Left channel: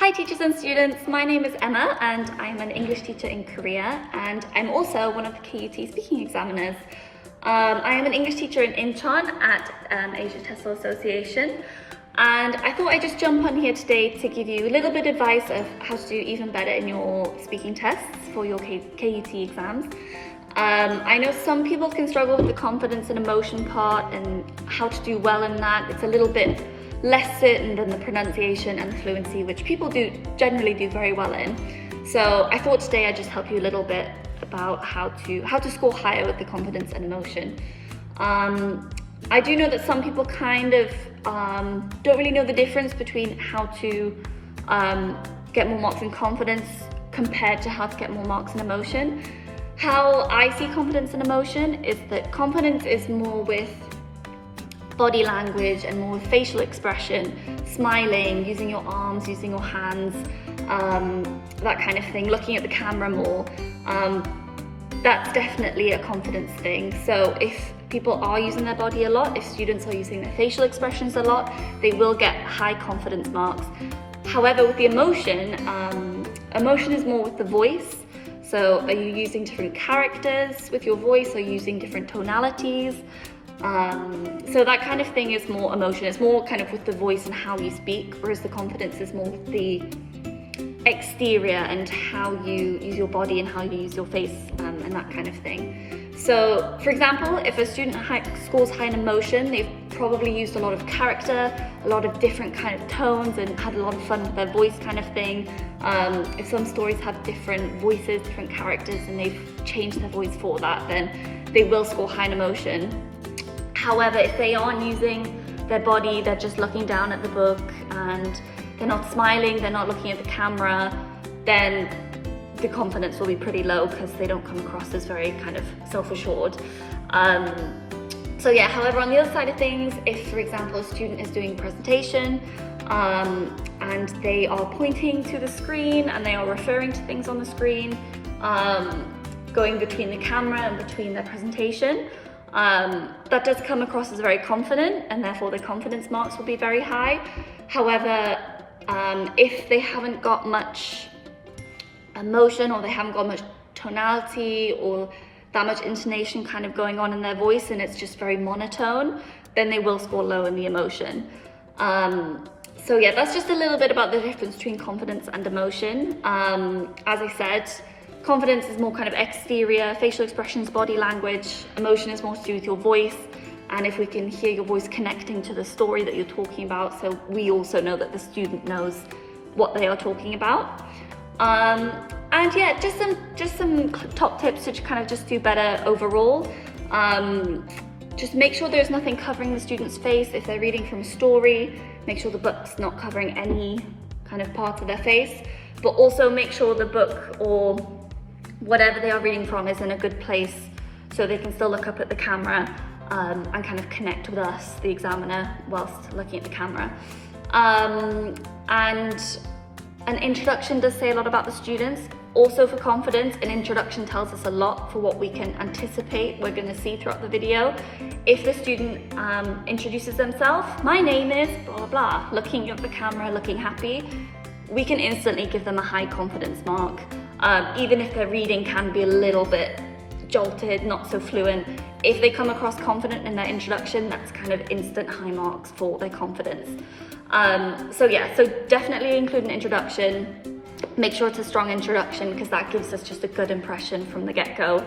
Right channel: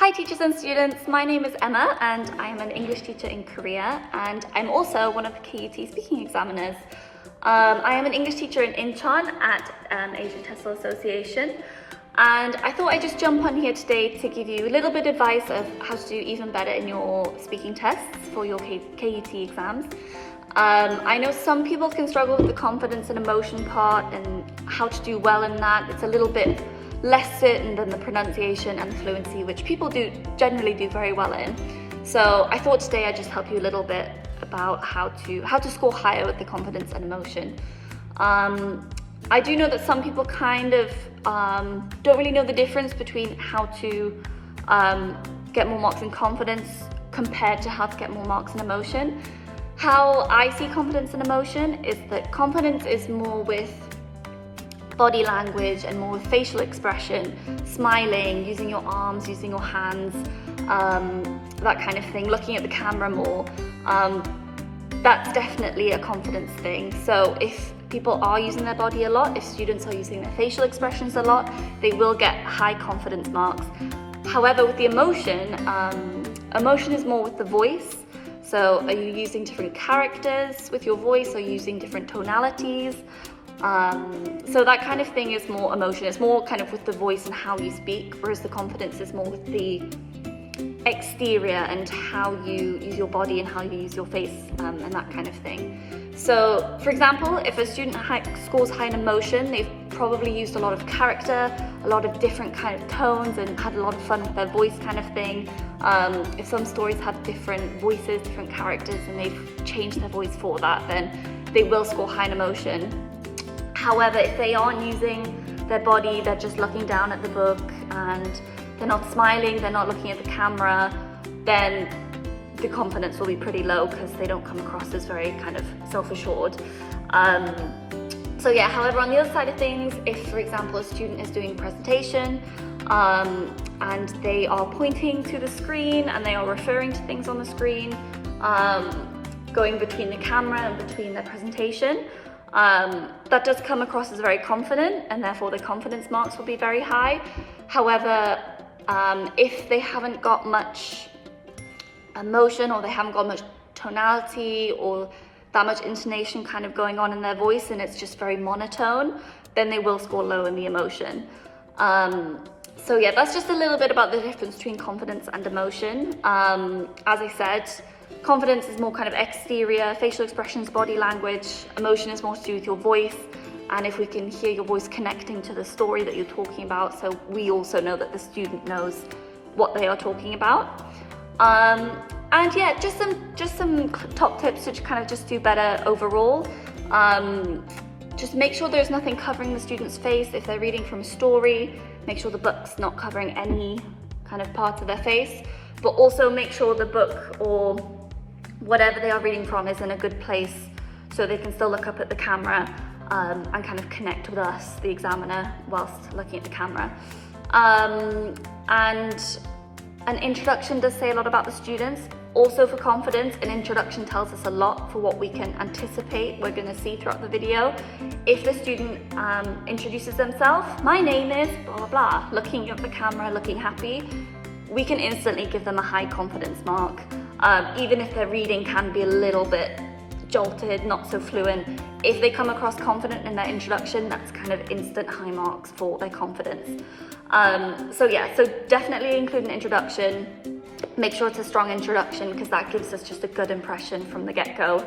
Hi teachers and students, my name is Emma and I'm an English teacher in Korea and I'm also one of the KUT speaking examiners. I am an English teacher in Incheon at Asia TESOL Association, and I thought I'd just jump on here today to give you a little bit of advice of how to do even better in your speaking tests for your KUT exams. I know some people can struggle with the confidence and emotion part and how to do well in that. It's a little bit less certain than the pronunciation and the fluency, which people generally do very well in. So I thought today I'd just help you a little bit about how to score higher with the confidence and emotion. I do know that some people kind of don't really know the difference between how to get more marks in confidence compared to how to get more marks in emotion. How I see confidence and emotion is that confidence is more with body language and more with facial expression, smiling, using your arms, using your hands, that kind of thing, looking at the camera more. That's definitely a confidence thing. So if people are using their body a lot, if students are using their facial expressions a lot, they will get high confidence marks. However, with the emotion, emotion is more with the voice. So are you using different characters with your voice? Are you using different tonalities? So that kind of thing is more emotion. It's more kind of with the voice and how you speak, whereas the confidence is more with the exterior and how you use your body and how you use your face and that kind of thing. So for example, if a student scores high in emotion, they've probably used a lot of character, a lot of different kind of tones and had a lot of fun with their voice kind of thing. If some stories have different voices, different characters, and they've changed their voice for that, then they will score high in emotion. However, if they aren't using their body, they're just looking down at the book and they're not smiling, they're not looking at the camera, then the confidence will be pretty low because they don't come across as very kind of self-assured. So yeah, however, on the other side of things, if for example a student is doing a presentation and they are pointing to the screen and they are referring to things on the screen, going between the camera and between their presentation, that does come across as very confident, and therefore the confidence marks will be very high. However, if they haven't got much emotion, or they haven't got much tonality or that much intonation kind of going on in their voice, and it's just very monotone, then they will score low in the emotion. So yeah, that's just a little bit about the difference between confidence and emotion. As I said, confidence is more kind of exterior, facial expressions, body language. Emotion is more to do with your voice, and if we can hear your voice connecting to the story that you're talking about, so we also know that the student knows what they are talking about. And yeah, just some top tips to kind of just do better overall. Just make sure there's nothing covering the student's face. If they're reading from a story, make sure the book's not covering any kind of part of their face, but also make sure the book or whatever they are reading from is in a good place so they can still look up at the camera and kind of connect with us, the examiner, whilst looking at the camera. And an introduction does say a lot about the students. Also for confidence, an introduction tells us a lot for what we can anticipate we're going to see throughout the video. If the student introduces themselves, my name is blah blah blah, looking at the camera, looking happy, we can instantly give them a high confidence mark. Even if their reading can be a little bit jolted, not so fluent, if they come across confident in their introduction, that's kind of instant high marks for their confidence. So yeah, so definitely include an introduction. Make sure it's a strong introduction because that gives us just a good impression from the get-go.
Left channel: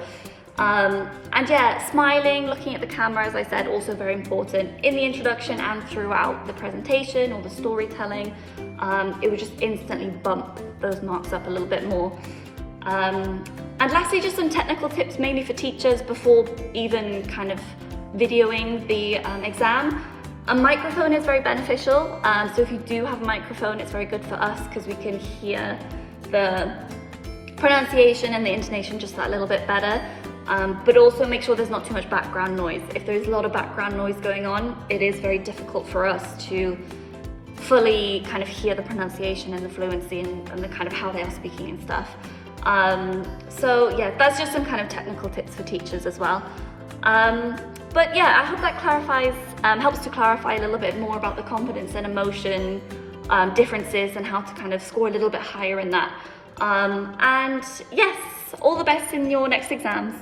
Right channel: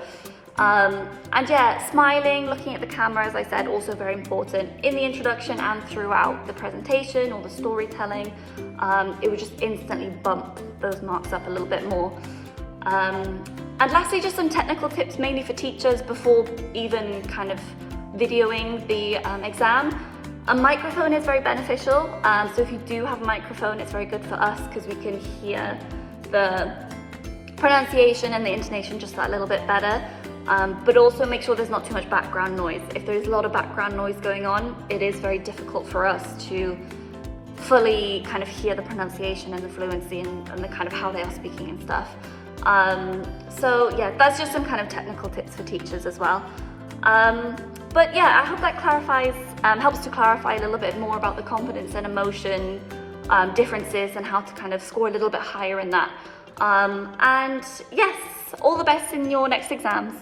And yeah, smiling, looking at the camera, as I said, also very important in the introduction and throughout the presentation or the storytelling. It would just instantly bump those marks up a little bit more. And lastly, just some technical tips mainly for teachers before even kind of videoing the exam. A microphone is very beneficial, so if you do have a microphone, it's very good for us because we can hear the pronunciation and the intonation just that little bit better. But also make sure there's not too much background noise. If there's a lot of background noise going on, it is very difficult for us to fully kind of hear the pronunciation and the fluency and the kind of how they are speaking and stuff. So yeah, that's just some kind of technical tips for teachers as well. But yeah, I hope that clarifies, helps to clarify a little bit more about the confidence and emotion differences and how to kind of score a little bit higher in that. And yes, all the best in your next exams.